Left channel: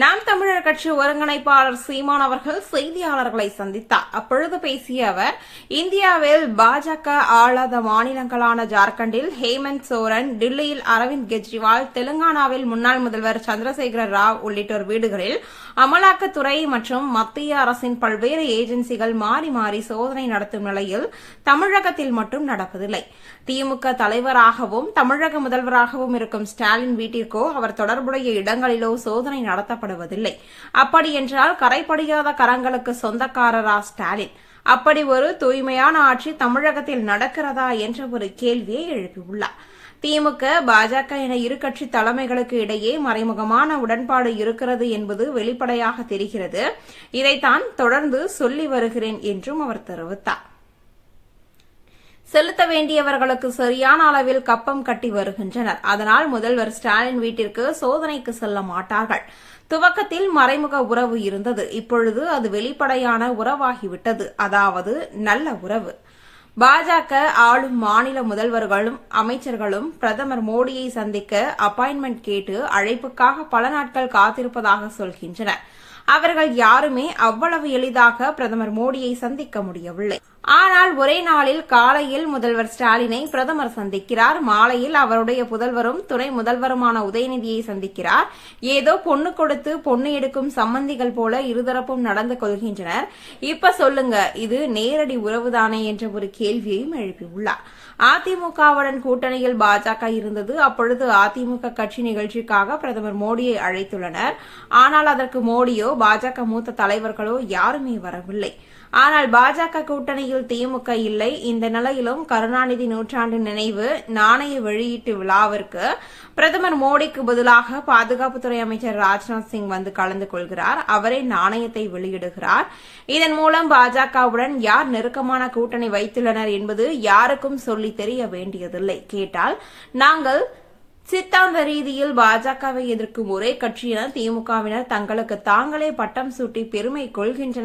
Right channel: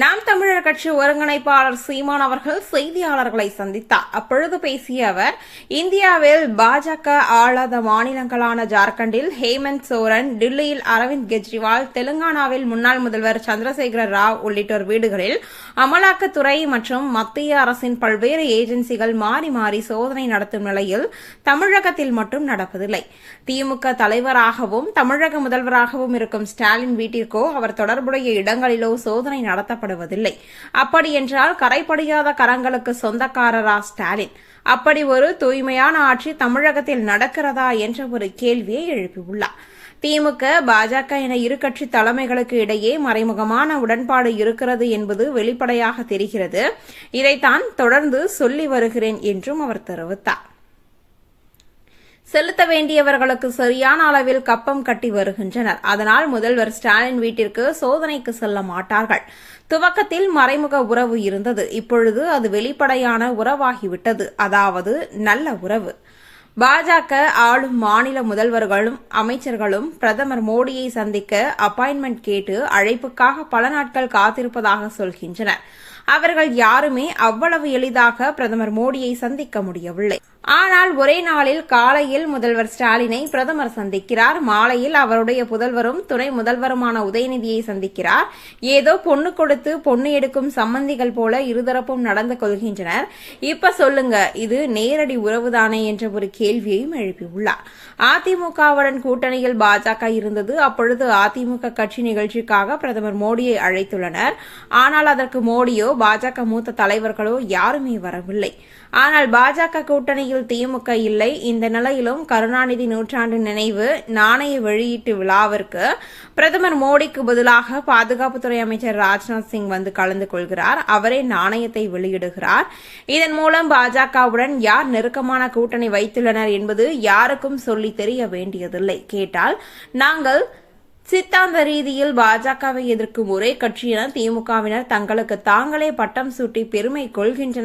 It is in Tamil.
நாம் தமிழர் கட்சி ஒருங்கிணைப்பாளர் சீமான் அவர்கள் செய்தியாளர்களை சந்தித்தார். அப்பொழுது பேசிய அவர், இந்தியாவில் பாஜக ஆளாத மாநிலங்களான ஜார்க்கண்டில் ஹேமந்த் சோரன், டில்லியில் அரவிந்த் கெஜ்ரிவால், தெலுங்கானாவில் முன்னாள் முதல்வர் சந்திரசேகர ராவ் உள்ளிட்டோர் வீடுகளில் அமலாக்கத்துறை மற்றும் மத்திய அரசின் பல்வேறு ஏஜென்சிகள் மாறி மாறி சோதனை நடத்தும் நிலையில் தமிழகத்தில் மட்டும் நடப்பதில்லை. திமுக தலைவராகவும் தமிழக முதல்வராகவும் இருக்கும் ஸ்டாலின் வீட்டிற்கோ அவர் தொடர்புடைய இடங்களிலோ சோதனை நடத்தப்படுவதில்லை. அப்படியென்றால் கரைபடியாத கரங்களுக்கு சொந்தக்காரரா ஸ்டாலின்? அப்படி ஒரு தூய்மையான ஆட்சி தமிழகத்தில் நடக்கிறதா என்ற ஒரு கேள்வியை எழுப்பியுள்ளார். திமுக, பாஜக என இரு கட்சி தலைமைகளுக்கு இடையே மறைமுகமான உடன்பாடு இருக்கிறது என்பது வெளிப்படையாக தெரிகிறது. இதைத்தான் தொடர்ந்து சொல்லி வருகிறேன் என்றும் அவர் தெரிவித்தார். செலுத்த வேண்டியவர்களுக்கு சரியான அளவில் கப்பம் கட்டி வருகின்றனர். அதனால் முதல்வர் ஸ்டாலின் வீட்டிற்கு சோதனைக்கு செல்ல மாட்டார்கள். துவக்கத்தில் மறைமுக உறவு இருந்தது. இப்பொழுது அது வெளிப்படையான உறவாகிவிட்டது. அதாவது நல்ல உறவு. பாஜக ஆளும் மாநில முதல்வர்களும் அமைச்சர்களும் பிரதமர் மோடியை சந்திக்க அப்பாயின்மெண்ட் கேட்டு அழைப்புக்காக பல நாட்கள் காத்திருப்பதாக சொல்கின்றனர். அவர்கள் யாருமே அவ்வளவு எளிதாக பிரதமர் மோடியை சந்திக்க முடியவில்லை. ஆனால் ஒரே நாளில் காலையில் முதல்வர் ஸ்டாலினை பிரதமர் சந்திக்கிறார். மாலையில் அவருடைய புதல்வரும் துணை முதல்வருமான உதயநிதியை சந்திக்கிறார். ஏதோ பொண்ணு கொடுத்து பொண்ணு எடுக்கும் சம்பந்திகள் போல இருதரப்பும் நடந்து கொள்கின்றனர். இப்ப சொல்லுங்க, இது நேரடி உறவுதானே என்ற ஒரு கேள்வியையும் எழுப்பியுள்ளார். அதிமுகவுடன் கூட்டணியில் பாஜக இருந்தது. அப்பொழுது அதிமுக கட்சி நிகழ்ச்சிக்காக பிரதமர் மோடியை அழைத்துள்ளனர். ஆனால் அதற்கு மோடியோ பாஜக மூத்த தலைவர்களோ யாருமே வரவில்லை. ஆனால் பாஜக கூட்டணியில் திமுக இல்லை. இந்த நிலையிலும் கருணாநிதி நூற்றாண்டு நினைவு நாணய வெளியீட்டு விழாவிற்கு பிரதமர் மோடிக்கு பதிலாக பாதுகாப்புத்துறை அமைச்சர் ராஜ்நாத் சிங் வந்து கலந்து கொள்கிறார். அவரே நாணயத்தை வெளியிடுகிறார். இதன் மூலம் பாஜகவுடன் யார் நெருக்கமான கூட்டணி வைத்துள்ளனர் என்பது யாருக்கும் சொல்லி தெரிய வேண்டியதில்லை. கேட்டால் நாங்கள் சித்தாந்த ரீதியில் பாஜகவை எதிர்க்கும் ஒரே கட்சி என திமுகவினர் தங்களுக்கு தாங்களே பட்டம் சூட்டி பெருமை கொள்கின்றனர்.